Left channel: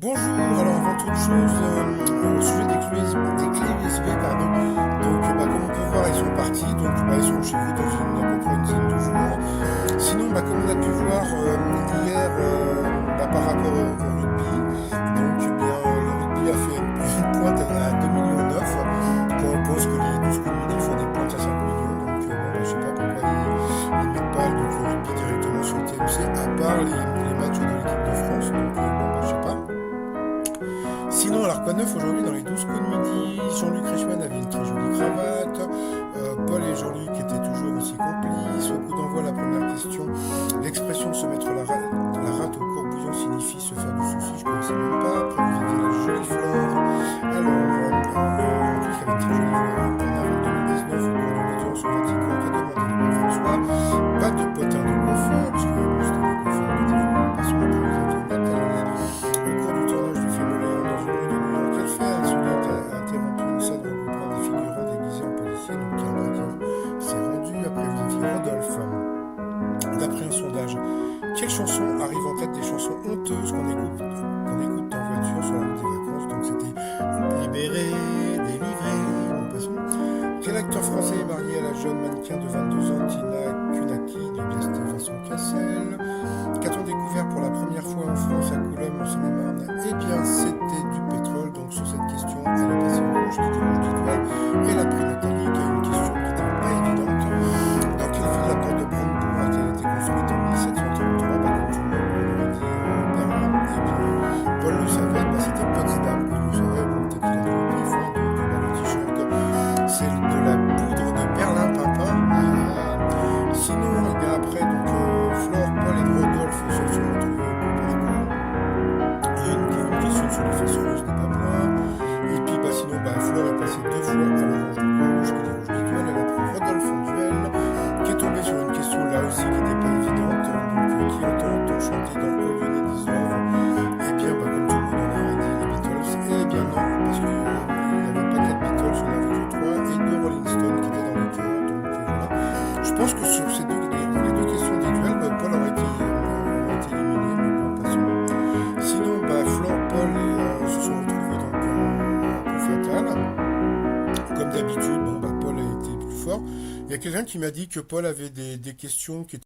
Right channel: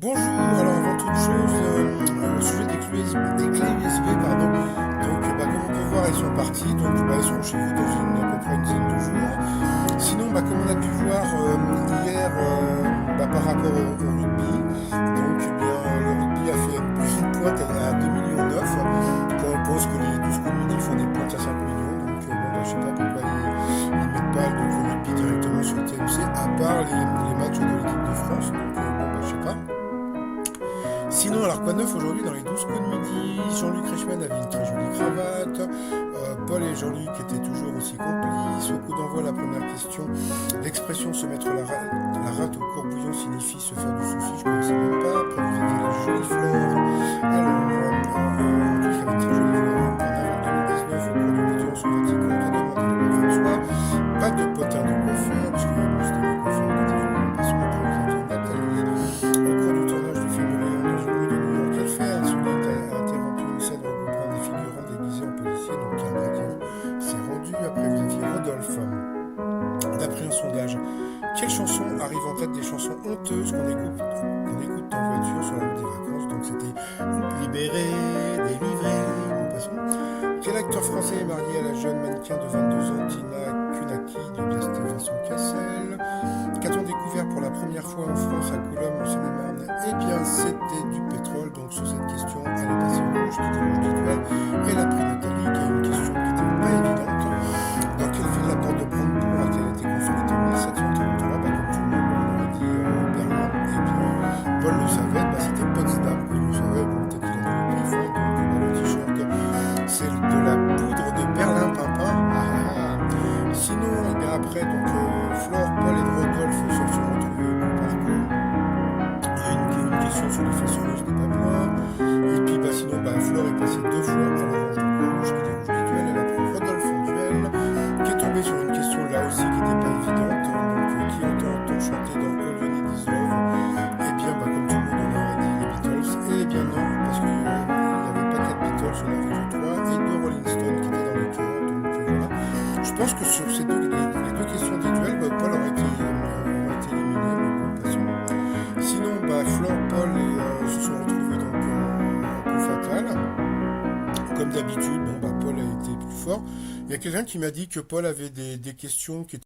Bonjour, alors avant toute chose, au sujet des clés USB, pardon, donc comme on peut voir, ils sont partis, donc ils seront chez vous dans à peu près une dizaine de jours. Sinon, comme on a pu voir hier par rapport au rugby, donc le rugby a fait une pointe à 2,9 millions, quand on pense que les 12 coups de midi font des pointes à 5 millions, donc je sais pas pourquoi ils mettent pas donc, le rugby directement sur le TMC, à part les matchs de l'équipe de France, donc je sais pas. Sinon, alors quoi de neuf aujourd'hui dans les 12 coups de midi? Jean-Luc Reichmann avait une très jolie cravate. Paul et Jean-Luc étaient toujours aussi complices. Au coup d'envoi, la première question. L'expression se mettre la rate au courbouillon signifie se faire du souci. Je ne connaissais même pas. Après, vous aviez la jolie Flore. Alors, Jean-Luc avait une très jolie voix. En avril 2019, au cours d'une audience au Vatican, qui a demandé le pape François. Pas de potin de coiffeur, parce que c'était des coiffeurs qui étaient venus en passant. Après, vous aviez Nathalie. Au cours du tournage du film Léon dans une rue de New York, elle fait insolite a interrompu une scène regroupant des figurants déguisés en policiers, donc un braqueur s'est rendu. Après, vous aviez Rodolphe. D'après un sondage, quelle chanson arrive en tête des chansons honteuses qu'on écoute en voiture sur la route des vacances? Donc c'était Libéré, délivré, nous passons. Quel acteur français est marié à la jeune mannequin de 22 ans, Tina Kunaki, du bien c'était Vincent Cassel? Qu'a-t-on découvert pour la première fois en France à Coulomb, en Seine-et-Marne? Eh bien, c'était du pétrole. Donc, sur cette question, elle est passée rouge, qui était rouge d'étoile. Elle a pris Nathalie, qui a une question qui n'était pas évidente. Dans quelle ville la porte de Brandebourg a-t-elle été construite en 1733? Comme tout le monde aurait dit Berlin. Et bien, Paul le savait, c'était Potsdam. Il le savait, bon, peut-être qu'il a dit au pif, hein, donc le t-shirt, c'est de la poudre de Berlin-Pimpin. Sinon, et bien après, Flore, Paul et Rodolphe se sont retrouvés au coup par coup. Il y a une question sur les fesses rouges des Papouas. Et puis sinon, Flore est passée deux fois à l'orange de rouge, qui dit rouge du duel. Elle a pris Rodolphe en duel, qui est tombé sur une question là aussi qui n'était pas évidente. Donc, qui entend-on chanter dans All You Need Is Love? Eh bien, comme tout le monde en aurait dit, les Beatles. Eh bien non, parce qu'il n'y avait pas quatre Beatles, on avait que trois, et deux Rolling Stones qui étaient dans les chœurs. Donc voilà. Je pense que sur les deux questions des duels, Paul aurait été éliminé, mais bon, passons. Sinon, Flore, Paul se sont retrouvés en coup fatal. Comme d'habitude, Paul a été plus fort. Il y a quelqu'un qui m'a dit que Paul avait des questions qui étaient